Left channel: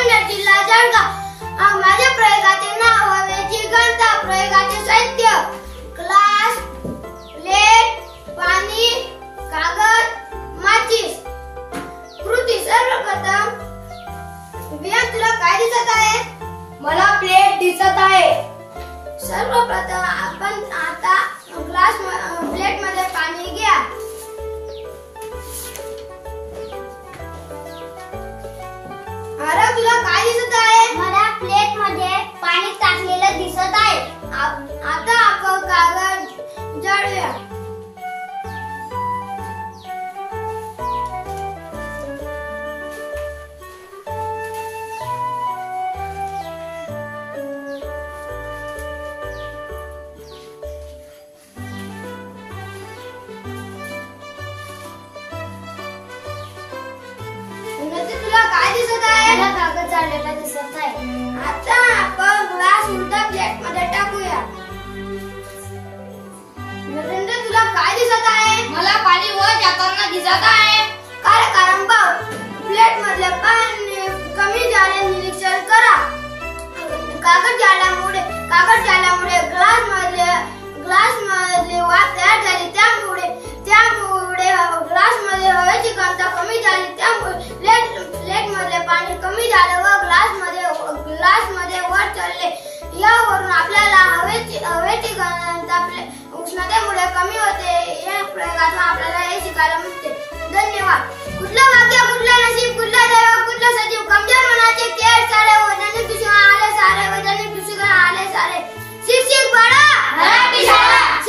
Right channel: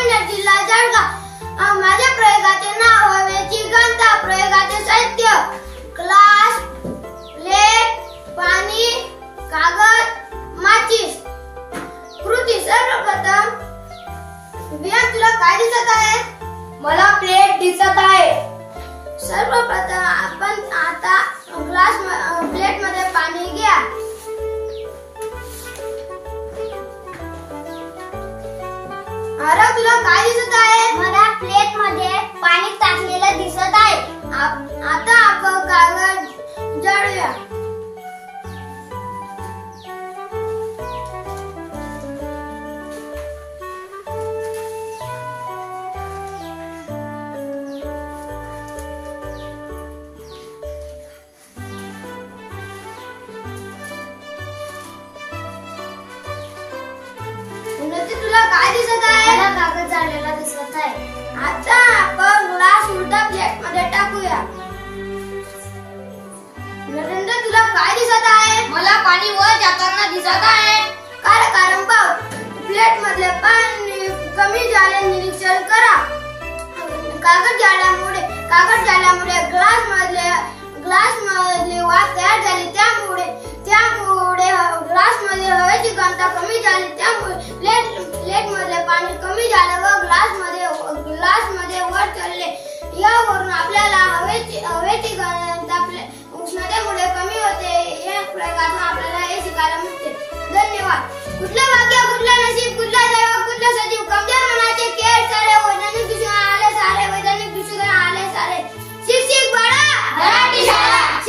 संगमनेर जिल्हा जळगाव। माझ्या प्रयोगाचे नाव हवेची घनता, प्रयोगाचे साहित्य ग्लास, प्लेट, पाणी, कागद, माचीस। कृती सर्वप्रथम विहान तुला काय दिसत आहे? मला प्लेट दिसत आहे। सर्वप्रथम आपण आता प्लेट मध्ये पाणी घ्या। आरव तुला काय दिसत आहे? मला प्लेट मध्ये पाणी टाकलेलं दिसत आहे। आता आपण कागद जाळूया। तुला काय दिसत आहे? मला कागद जाळलेला दिसत आहे। आता आपण ग्लास उलटा प्लेट मध्ये टाकूया। नरेंद्र तुला काय दिसत आहे? मला पाणी वर जाताना दिसत आहे। कारण प्लेट मधले पाणी कमी झाले निरीक्षण करा। कागद जाळल्यामुळे ग्लास मधले वाफ तयार झाली, त्यामुळे ग्लास मध्ये हवेची घनता कमी झाली, त्यामुळे प्लेट मधले पाणी कमी झालं व ग्लास मध्ये वर चढले। यावरून आपल्याला हवेची घनता उष्णतेमुळे कमी होते। या प्रयोगातून आपल्याला हे शिकायला मिळते। धन्यवाद। कुठलं भाग्य, कुठलं नशीब, कुठला दैव, कुठलं सजीव, कमजोर मनाचे खेळ सारे, वैज्ञानिक दृष्टीने आले सारे, वैज्ञानिक दृष्टीने आले सारे। शिक्षक बाळा, मराठी शाळा।